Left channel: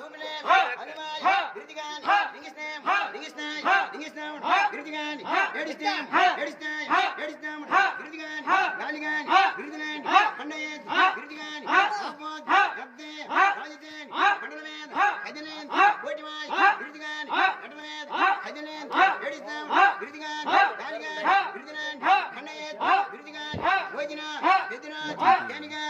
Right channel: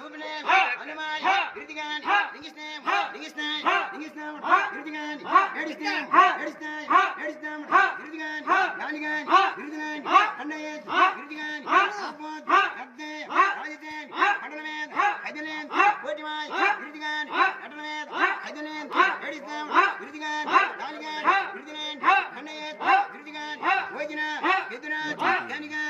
சூபிலேம் அனுமால் கிருதிகான் லிங்கிஸ்தேம் லிங்கிஸ்தேம் லிங்கிஸ்தேம் கிருதிகான் எடிஸ்தேம் எடிஸ்தேம் எடிஸ்தேம் கிருதிகான் லாலிகான் கிருதிகான் கண்ணையன் கிருதிகான் சாபோத் கப்தே ராஜதேன் கடலவேன் கதிலேன் கோட்டிவாய் கிருதிகான் கடலவேன் கதிலேன் எடிஸ்தேம் கிருதிகான் லாலிகான் கிருதிகான் கண்ணையன் கிருதிகான் ஓஜினா கிருதிநாத் கனிகான்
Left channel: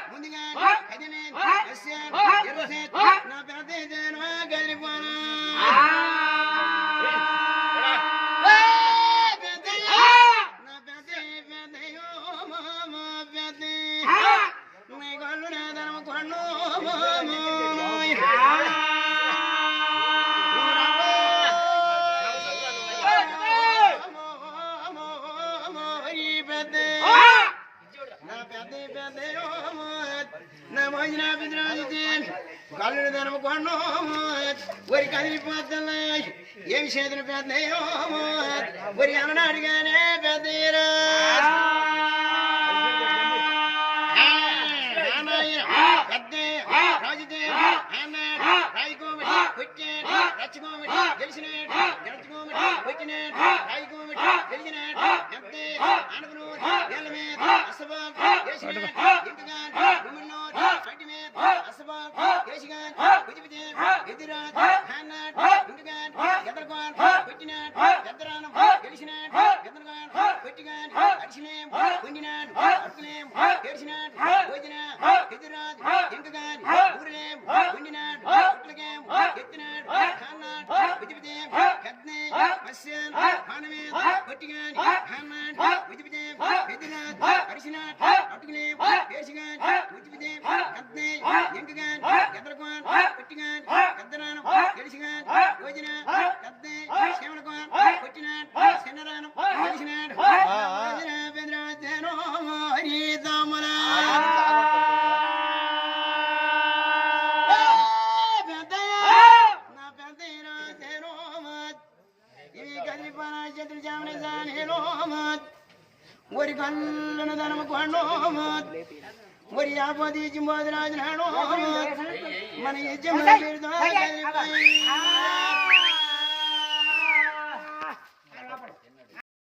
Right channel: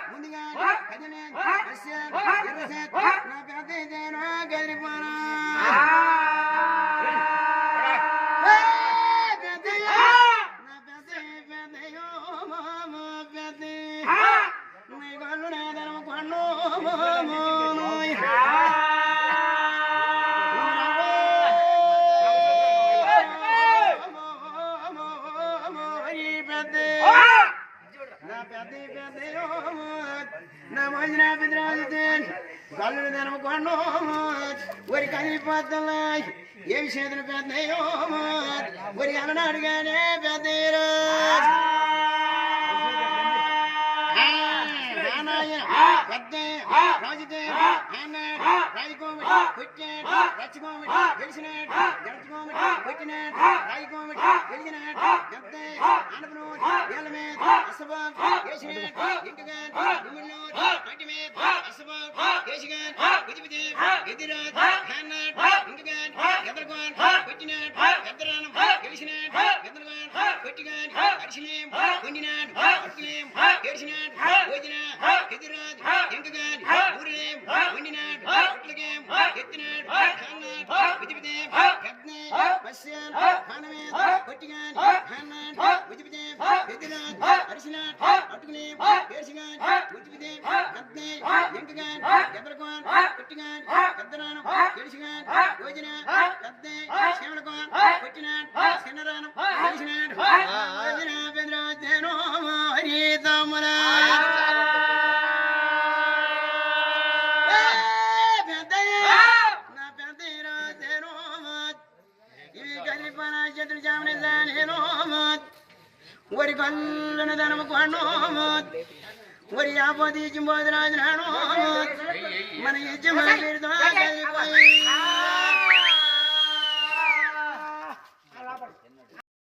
కళ్ళు ధనము ఒరి కదిలిపోతున్నా ఏమి చేతులు పెద్దయో ఒరి అలనాడుగానే పెద్దరా పెద్దే రాజుదేవ అన్నాడు కొట్టాడు రచ్చకోమిటి గెలిచినాడు గెలుచుకోమిటి కొట్టినాడు రాయికోమిటి గెలిచినాడు పెద్దే అనపను వేల మీద అసబాబ్ వేసినాడు ఇంకగాని గుమ్మిలో చోటి మీద అసబాబ్ వేసిగాని గుదిపితే ఎదిరాదు అన్నాడు ఇంకగాని ఎదరగాని కొట్టినాడు ఎద్దరానం గెలిచినాడు ఎదరగాని కొట్టిగాని అడిసిలేం పొందినాడు అడుగులేం గెలిచినాడు భోజన ఎదురాదు ఇంకగాని ఊరిలేం వండినాడు మత్స్యాన్ పానమేద కొట్టిగాని అన్నాడు విదిపితే ఎదిరాదు అడిసినాడు అటుకులేం వేసిగాని విదిపితే పెద్ద ఇంకగాని ఎదరగాని కొట్టిగాని పెద్దరానం గెలిచిగాని భోజన పెద్ద శ్యామలకోన్ కొట్టినాడు చిన్నరానం గెలిచినాడు భోజన పెద్ద హరి తమ్ములా ఒరి కళ్ళను ధనము కొన్నోమోత్ ఒరి ఆపోది జింబోదరాజు నానోమోత్ మన యజమాని పేరుతో కలిపోయి